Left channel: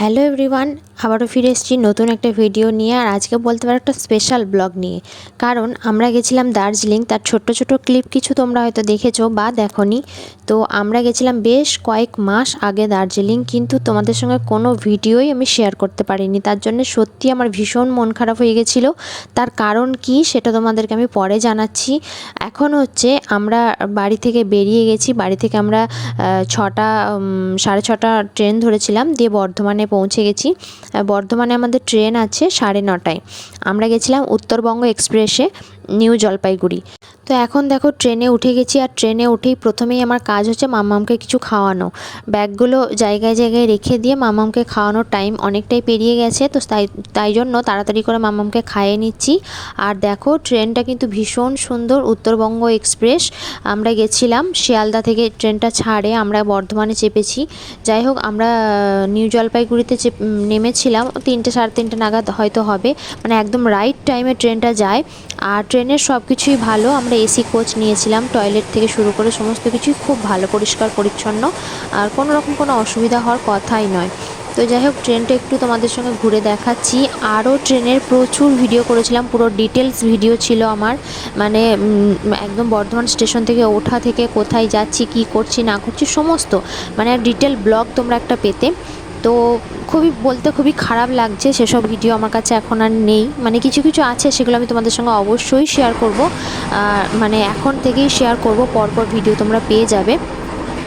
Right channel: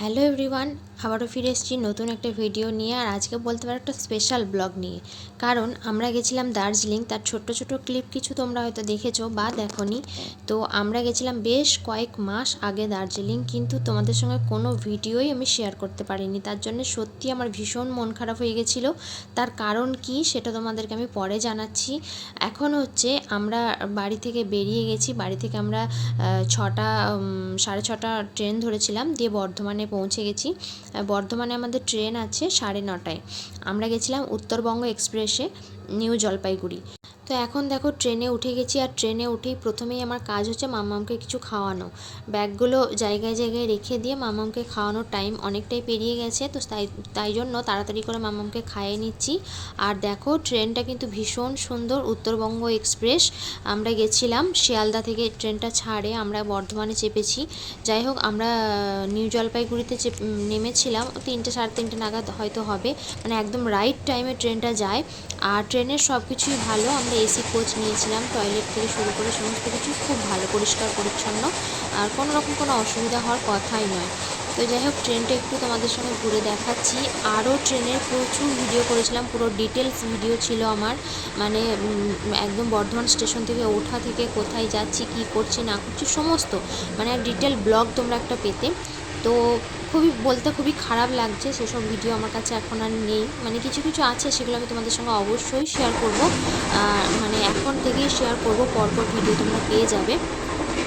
Hello everyone আবারও ফিরে এসেছি নতুন একটা ভিডিও নিয়ে, আর আজকে বলতে পারো একটা স্পেশাল ব্লগ নিয়ে। কারণ আমরা গেছিলাম দার্জিলিং, তার ছোট্ট ছোট ক্লিপ কিছু তোমরা হয়তো দেখেছ বা দেখোনি। তো আমরা গেছিলাম বেশ কয়েক মাস আগে দার্জিলিং, কিন্তু তোমাদের সঙ্গে কোনো ভিডিওই আমি শেয়ার করতে পারিনি। তার জন্য সত্যি আমার ভীষণ মন খারাপ হয়ে গেছিল। তার কারণ কি সেটা তোমাদেরকে আমি পরে জানাচ্ছি। এখন হচ্ছে আমরা বাড়ি থেকে বেরিয়ে গেছি। বাড়ি থেকে আমরা ছটা সাড়ে ছটা ট্রেন ধরেছিলাম, দিয়ে বর্ধমানে পৌঁছে গেছি। বর্ধমানে আমাদের ট্রেন আছে সাড়ে নটায়। আমরা গেছিলাম উত্তরবঙ্গ এক্সপ্রেসে নিউ জলপাইগুড়ি। তো এখন দেখো ট্রেনে উঠে গেছি আর ট্রেনে উঠেই প্রথমেই আমার কাজ হচ্ছে মামামকে কিছু খাওয়ানো। ব্যাগগুলো জায়গায় জায়গায় রেখে দিয়ে মামামকে খাওয়ানোর টাইম অনেকটাই পেরিয়ে গেছে, তো তাই তাই জন্য তাড়াতাড়ি করে মামামকে খাইয়ে নিচ্ছি। আর দেখো ট্রেনটা কিন্তু ভীষণ সুন্দর উত্তরবঙ্গ এক্সপ্রেস। আমরা গেছিলাম শিয়ালদা থেকে ট্রেনটা ছাড়ে, আমরা বর্ধমানে চেপেছি। যাই হোক, আমরা নিউ জলপাইগুড়িতে চেপ নেমেছিলাম, তিনটে সাড়ে তিনটে নাগাদ হয়তো হবে। মানে একদম রাইট টাইমে ট্রেনটা যায়। আর ট্রেনের সব কিছুই ভালো, আমরা এসি কোচ নিয়েছিলাম টয়লেট থেকে শুরু করে সমস্ত কিছুই খুব ভালো, পরিষ্কার, পরিচ্ছন্ন, আর কোনো রকম কোনো অসুবিধা হওয়ার কথাই নয়। তো যাই হোক, ট্রেনটা একটু তোমাদের সঙ্গে ঘুরে দেখাচ্ছি। আরও ট্রেনের প্রচুর ভিডিও করেছিলাম, পুরো ডিটেলস ভিডিও ছিল আমার। মানে একদম বর্ধমান স্টেশন থেকে ওঠা থেকে কোথায় যাচ্ছি, কি করছি, না করছি, সমস্ত। মানে ডিটেল ব্লগ তোমরা একটা পেতে। তো খুবই বলতে খুবই খারাপ লাগছে, সেসব ভিডিও আমার কাছে এখন আর নেই। মানে কিছু কিছু আছে, সেগুলো আমি তোমাদের সঙ্গে অবশ্যই শেয়ার করব। মানে এখন থেকেই শেয়ার করব, পরপর ভিডিও তোমরা পেয়ে যাবে।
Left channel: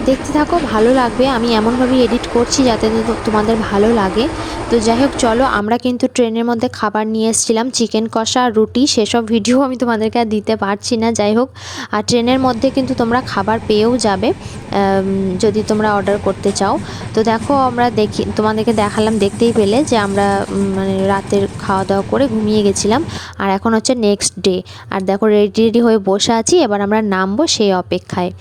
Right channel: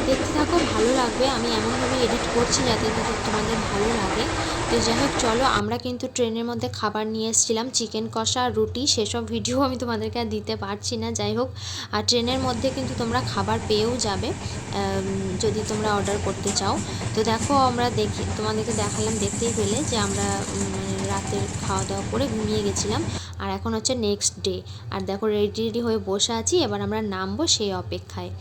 দেখতে থাকো, ভালো লাগবে। আমি এমনভাবেই এডিট করছি যাতে তোমাদের ভালো লাগে। তো যাই হোক, চলো, আমরা কিন্তু ট্রেনের মধ্যে খাবার নিয়ে এসেছিলাম। চিকেন কষা, রুটি, সেসব ভিডিও আমি তোমাদেরকে আর দিতে পারছি না। যাই হোক, আর ট্রেনের মধ্যে কিন্তু তোমরা খাবার পেয়েও যাবে যদি তোমরা অর্ডার করতে চাও। তো দেখো, আমরা দেখি, তোমাদেরকে দেখালাম, দেখতেই পেলে যে আমরা মানে রাতের খাওয়া দাওয়া করে ঘুমিয়ে গেছিলাম। আর এখন হচ্ছে নেক্সট ডে আর দেখো রেডি রেডি হয়ে বসে আছি। এবার আমরা নামবো সেই অপেক্ষায়।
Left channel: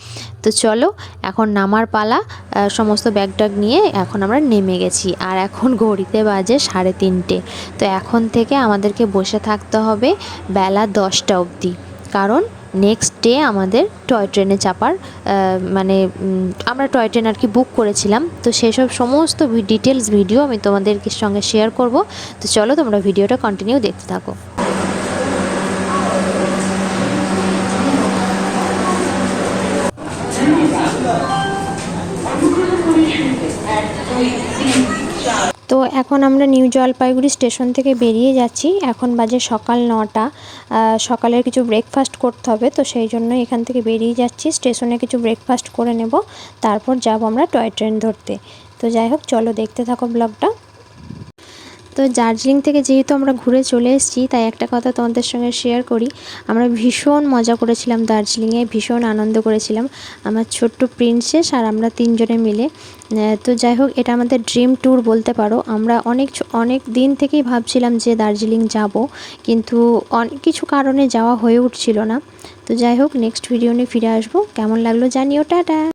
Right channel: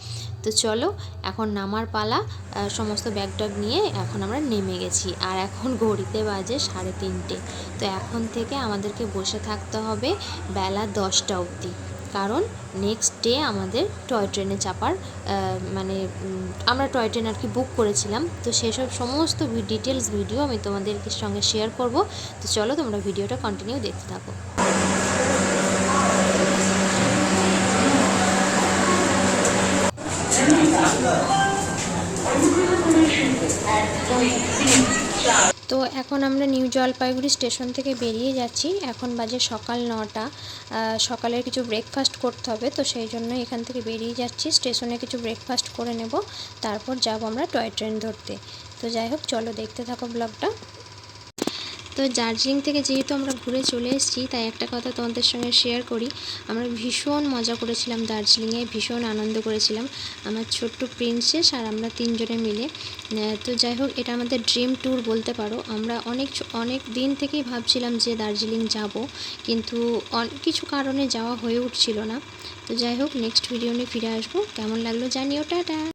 তো চলো, এখন নামার পালা সমস্ত ব্যাগ ট্যাগ নিয়ে এখন আমরা নেমে গেছি। আর এখন ঘড়িতে বাজে সাড়ে তিনটে। তো এখন থেকে আমাদেরকে বসে থাকতে হবে বেলা দশটা অবধি। কারণ নেক্সট ডে আমাদের টয় ট্রেনে চাপার মানে আমরা টয় ট্রেন আর কি বুক করেছিলাম। তো সেসব সমস্ত ডিটেলস ভিডিও আমি তোমাদের সঙ্গে শেয়ার করব। তো চলো তোমরা ভিডিওটা কন্টিনিউ দেখতে থাকো। তো এখন আমরা নিউ জলপাইগুড়ি স্টেশন থেকে বেরিয়ে যাচ্ছি। এখন বাজে সকাল নটা। সকালের কিছু ব্রেকফাস্ট করতে হবে, তো সেই জন্য এখান থেকে বেরিয়ে যাচ্ছি। স্টেশনে কিছু ব্রেকফাস্ট করে নেব, তারপর যাব আমরা টয় ট্রেন ধরতে। তো যাই হোক, চলো দেখতে থাকো ব্লগটা। তো দার্জিলিং থেকে যেহেতু আমরা ঘুরে চলে এসেছি, তাই একটা কথা তোমাদের সঙ্গে শেয়ার করি। আমরা ভীষণ মজা করেছিলাম দার্জিলিংয়ে, ভীষণ আনন্দ করেছিলাম আমার ছোট্ট প্রিন্সেস আর আমরা তিনজনে মিলে। তো যাই হোক, এটা আমাদের ড্রিম ট্যুর বলতে পারো। আমরা অনেক অনেক দিন থেকেই ভাবছিলাম যে দার্জিলিং যাব, কিন্তু অনেক কিছু কারণে যাওয়া হয়ে উঠছিল না। তো যাই হোক নেক্সট ভিডিও নিয়ে ফিরে আসব। কেমন লাগল জানিও, টাটা!